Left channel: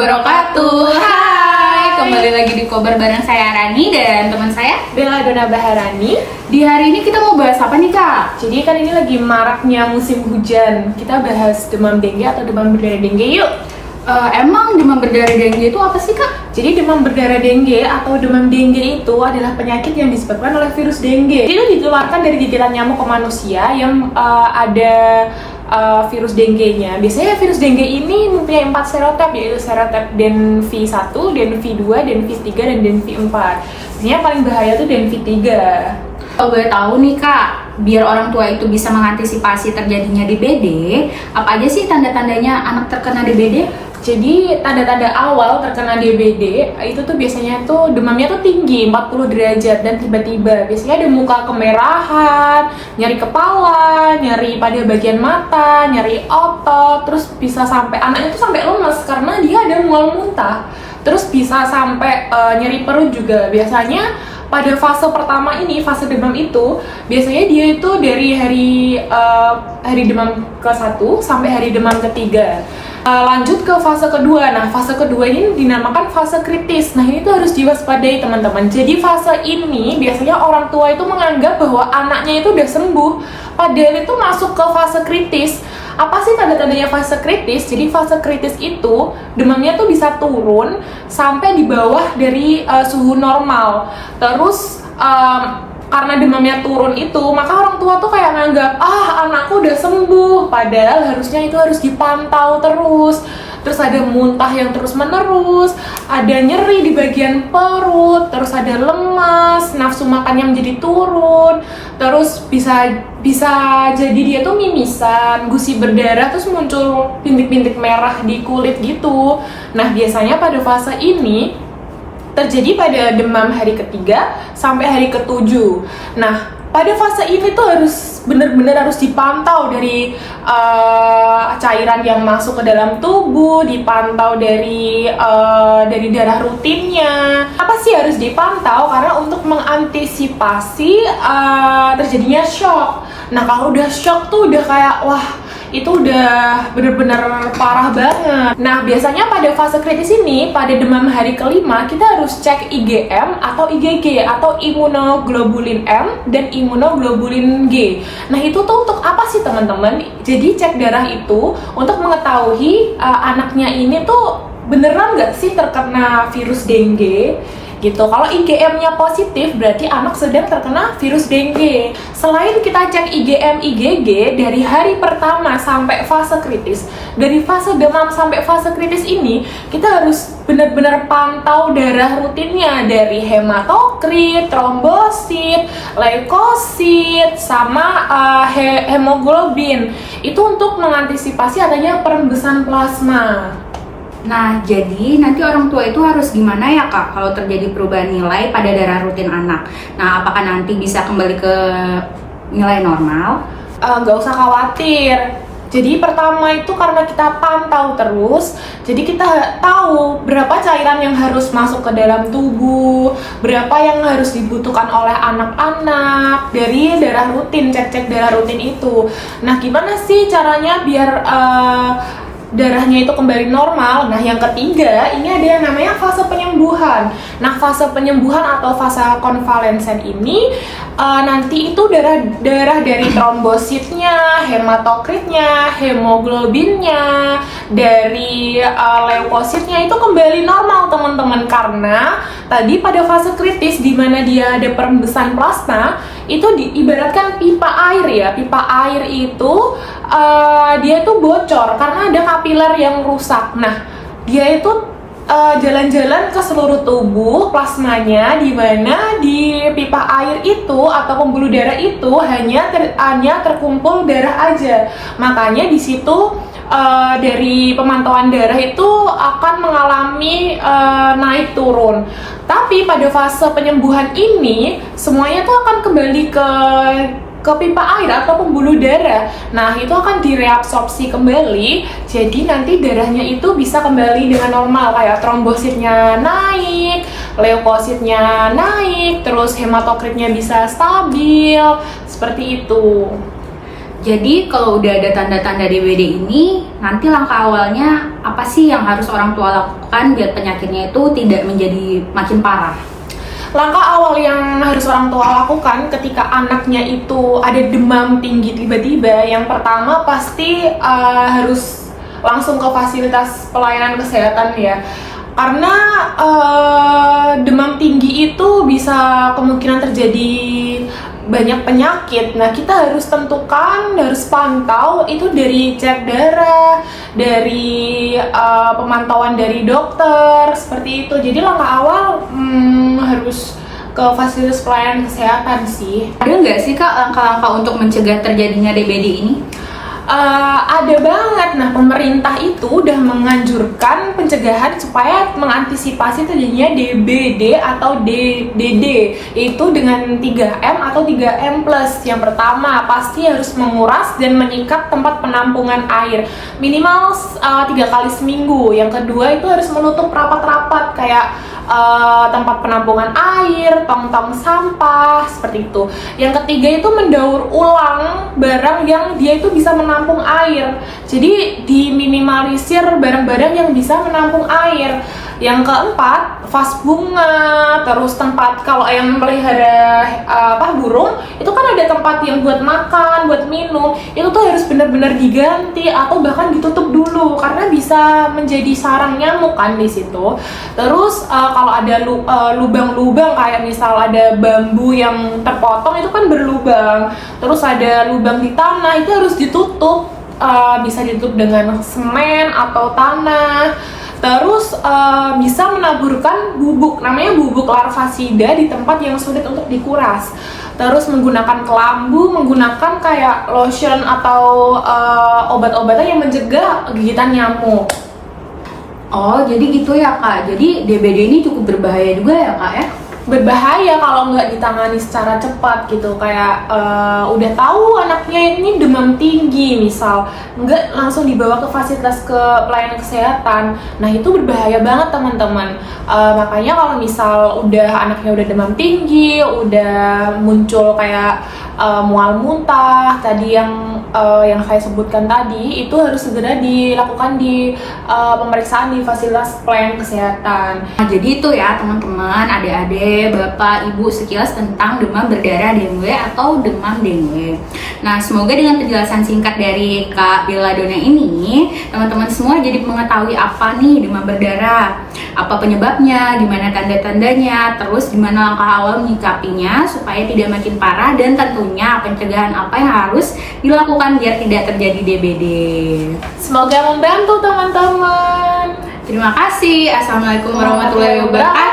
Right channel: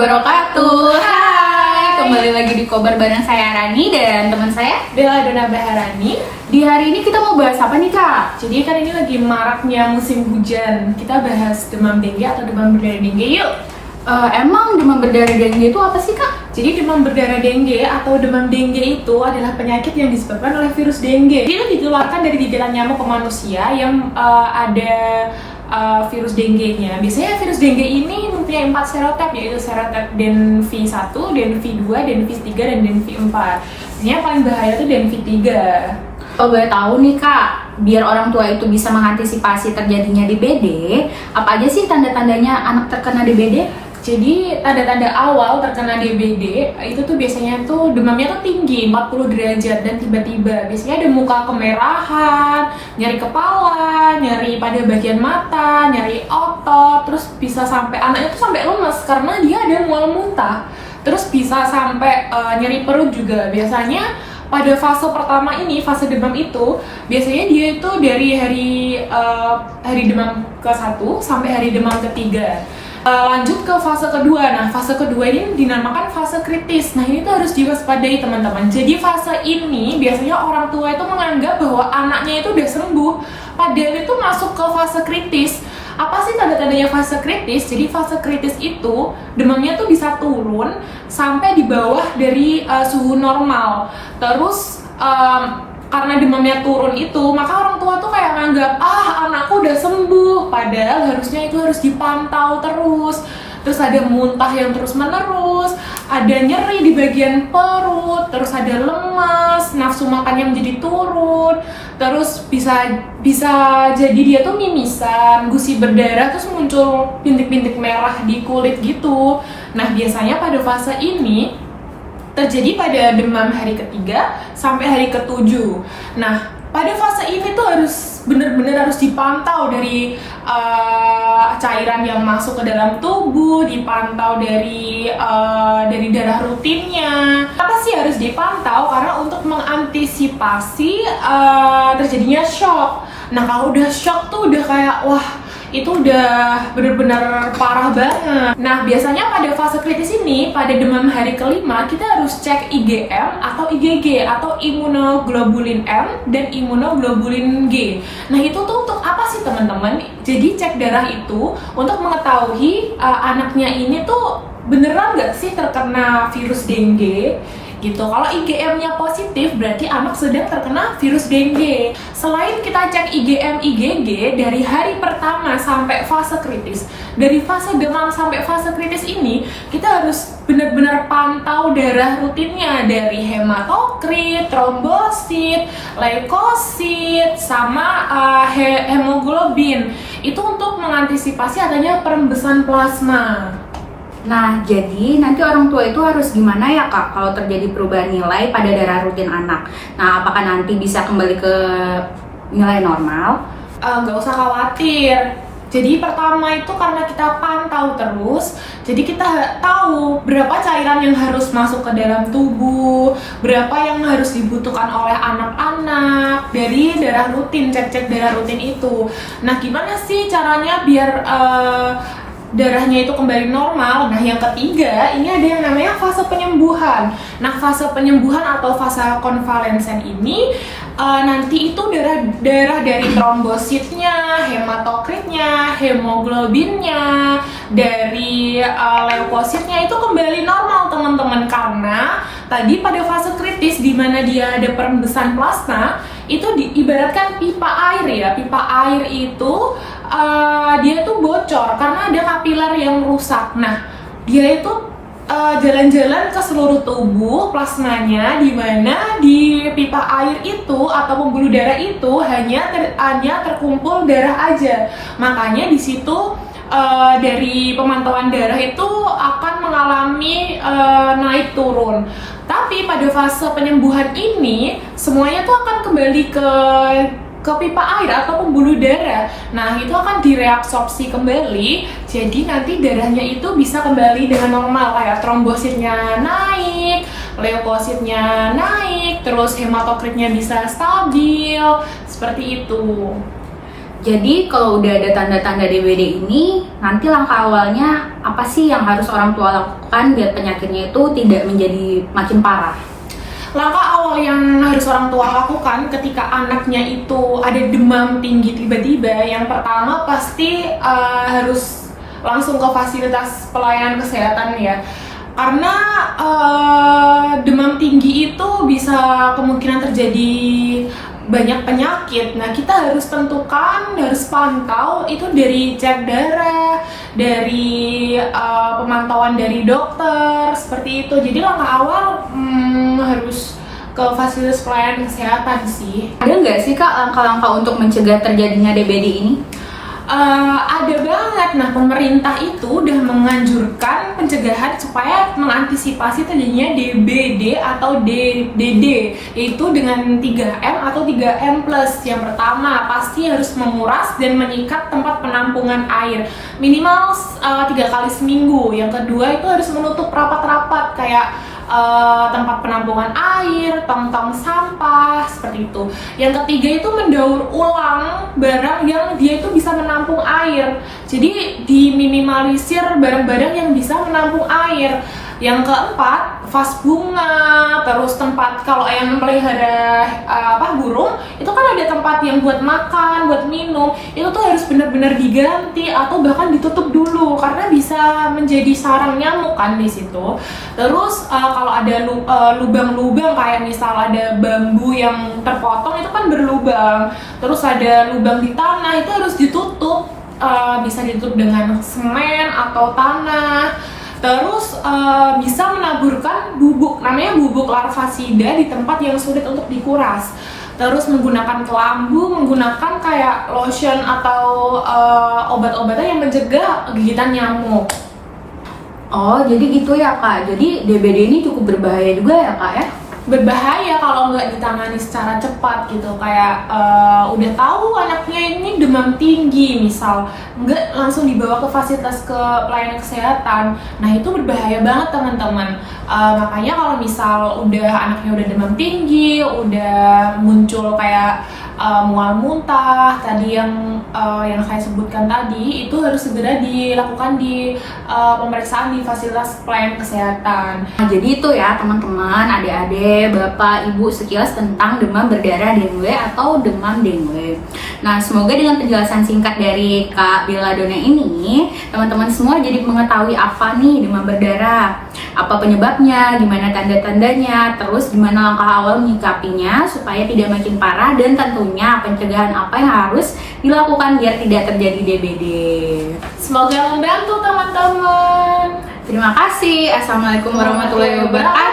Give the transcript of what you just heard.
wabarakatuh. Hai, kembali lagi di Kobar bareng saya Rani dan teman saya Bella Dona Baharani. Di hari ini kita mau bahas apa nih Kak? Jadi kan ini lagi maraknya musim hujan. Kita bahas demam dengue atau demam berdarah dengue yuk. Emang demam berdarah dengue itu apa sih Kak? Jadi demam berdarah dengue atau demam dengue itu adalah penyakit yang disebabkan oleh virus dengue. Jadi itu dikeluarkan dari gigitan nyamuk ke manusia yang ada virus dengue-nya. Biasanya virus dengue ini mempunyai 4 serotip, yaitu serotip DenV1, DenV2, DenV3, dan DenV4. Biasanya paling bahaya tuh DenV3. Kalau boleh tahu nih Kak, biar orang tua itu bisa mengantisipasi terjadinya DBD, apa aja sih tanda-tandanya anak terkena DBD? Jadi tanda-tanda awal terkena DBD itu tuh biasanya tuh demamnya tuh tinggi 40 derajat dan tiba-tiba biasanya ada muka kemerahan, nyeri kepala, nyeri pada bagian mata, nyeri otot, terus bisa sampai anaknya tuh sampai lemas karena dia ada mual muntah. Terus bisa sampai nyeri perut juga. Biasanya pada fase pertama ini, fase demam itu biasanya dia itu dari hari demam ke-1 sampai hari demam ke-3. Lanjut ke fase kedua. Nah, fase kedua ini dinamakan fase kritis. Nah, ini tuh harus diwaspadai teman-teman. Jadi fase ini biasanya orang tua itu menganggap bahwa anaknya itu udah sembuh, padahal itu masuk ke fase kritis. Apa sih tanda-tandanya fase kritis? Jadi fase kritis itu demamnya tuh bisa turun sampai di bawah dari suhu normal. Terus karena demamnya turun itu, maka orang tua tuh kayak nganggap, anakku udah sembuh, padahal harusnya itu harus dipantau terus. Terus ada muntah yang terus menerus, ada nyeri di bagian perut, terus ada lemas, nafsu makannya menjadi turun, terus bisa jadi dia tuh mimisan, gusi berdarah, terus muncul bintik-bintik merah di kulit gitu. Nah, biasanya pada fase ini terjadi pada demam hari ke-3 sampai hari ke-7. Nah, pada fase ini tuh harus benar-benar harus dipantau dari cairan yang masuk ke dalam tubuh, dipantau dari darah rutinnya. Apa sih harus dipantau? Karena untuk mengantisipasi terjadinya shock. Nah, kalau udah shock tuh udah kayak itu udah bener-bener parah banget. Nah, biasanya pada fase kritis ini, pada demam hari ke-5, kita harus cek IgM atau IgG atau imunoglobulin M dan imunoglobulin G. Nah, itu tuh untuk apa sih teman-teman? Jadi cek darah itu untuk mengetahui anaknya ini tuh beneran nggak sih terkena virus dengue gitu. Kalau IgM-nya positif berarti anak sedang terkena virus dengue. Selain kita cek IgM, IgG dari hari pertama sampai fase kritis, dari fase demam sampai fase kritis ini kita harus benar-benar pantau darah rutinnya dari hematokrit, trombosit, leukosit, sama hemoglobin. Itu untuk mengantisipasi adanya perembesan plasma. Nah, jadi nanti orang tua itu harus gimana ya Kak kalau terjadi perubahan nilai pada darah rutin anak? Nah, apakah nanti bisa kembali ke nilai normal? Nggak usah khawatir. Jadi pertama itu karena kita pantau terus, jadi kita tahu berapa cairan yang harus masuk ke dalam tubuh, berapa yang harus dibutuhkan oleh anak-anak dari darah rutin, cek-cek darah rutin itu. Nah, gimana sih caranya biar darahnya itu kembali normal? Nah, yang ketiga ini ada yang namanya fase penyembuhan. Nah, fase penyembuhan atau fase konvalensen ini nanti itu darah dari trombositnya, hematokritnya, hemoglobinnya, dari leukositnya itu kembali normal teman-teman, karena tadi pada fase kritis di mana dia ada perembesan plasma itu diibaratkan pipa air ya. Pipa air itu dia tuh bocor karena ada kapiler yang rusak. Nah, dia itu jalan-jalan ke seluruh tubuh plasmanya, di mana di pipa air itu atau pembuluh darah itu hanya terkumpul darah aja. Makanya di situ dari pemantauan darah itu akan mengalami naik turun. Tapi pada fase penyembuhan ini semuanya tuh akan kembali ke pipa air atau pembuluh darah. Nah, itu akan direabsorpsi kembali. Jadi nanti darahnya itu bisa kembali dengan normal, kayak trombositnya naik, leukositnya naik, terus hematokritnya bisa stabil, seperti itu. Jadi kalau udah ada tanda-tanda DBD ini, nanti langkah awalnya apa sih yang harus orang tua lakukan biar penyakitnya itu tidak menjadi makin parah? Langkah awal yang harus orang tua lakukan ketika anaknya itu ada demam tinggi tiba-tiba, yang pertama pasti harus langsung ke fasilitas pelayanan kesehatan ya. Karena demam tinggi itu bisa kemungkinan terjadi banyak penyakit. Nah, kita harus tentukan, harus pantau itu dari cek darah, dari pemantauan dari dokter, seperti itu. Jadi langkah awal harus ke fasilitas pelayanan kesehatan sih. Ada nggak sih Kak langkah-langkah untuk mencegah terjadinya DBD ini? Ada banget. Nah, pemerintah itu udah menganjurkan pencegahan supaya mengantisipasi terjadinya DBD atau DDD, yaitu dengan 3M atau 3M+. Yang pertama, pasti harus menguras dan menyikat tempat penampungan air minimal 3 kali seminggu. Yang kedua itu harus menutup rapat-rapat kayak tempat penampungan air, tong-tong sampah, seperti itu. Yang ketiga itu mendaur ulang barang yang dia itu bisa menampung air. Jadi diminimalisir barang-barang yang bisa menampung air. Yang keempat, vas bunga, terus tempat kalau yang melihara burung, itu kan ada tempat yang buat makan, buat minum, itu tuh harus benar-benar diganti atau bahkan ditutup dulu karena bisa menjadi sarang nyamuk kan di situ. Terus kalau ada lubang-lubang kayak misal ada bambu yang terpotong itu kan berlubang, terus ada lubang di tanah itu harus ditutup, bisa ditutup dengan semen atau tanah. Terus bisa menaburkan bubuk, namanya bubuk larvasida di tempat yang sulit untuk dikuras. Terus menggunakan kelambu, menggunakan kayak lotion atau obat-obatan yang mencegah gigitan nyamuk. Oh, jadi gitu ya Kak. Jadi DBD ini cukup berbahaya juga ya Kak ya? Berbahaya kalau nggak ditangani secara cepat gitu. Kayak udah tahu anaknya ini demam tinggi misal, nggak langsung dibawa ke fasilitas ke pelayanan kesehatan. Nah itu berbahaya banget teman-teman. Makanya kalau misal anaknya udah demam tinggi, udah muncul kayak mual muntah tadi yang saya sebutkan tadi, itu harus segera dilakukan di pemeriksaan di fasilitas pelayanan kesehatan. Nah, jadi itu ya teman-teman, adik-adik, bapak, ibu sekilas tentang demam berdarah dengue atau demam dengue. Nah, semoga dengan penjelasan singkat dari Kak Belladonna ini, teman-teman semua jadi mengetahui apa nih demam berdarah, apa penyebabnya, gimana tanda-tandanya, terus gimana langkah awal menyikapinya supaya tidak makin parah, dan tentunya pencegahan apa yang harus dilakukan biar tidak terjadi DBD. Semoga membantu teman-teman. Terima kasih. Assalamualaikum warahmatullahi wabarakatuh.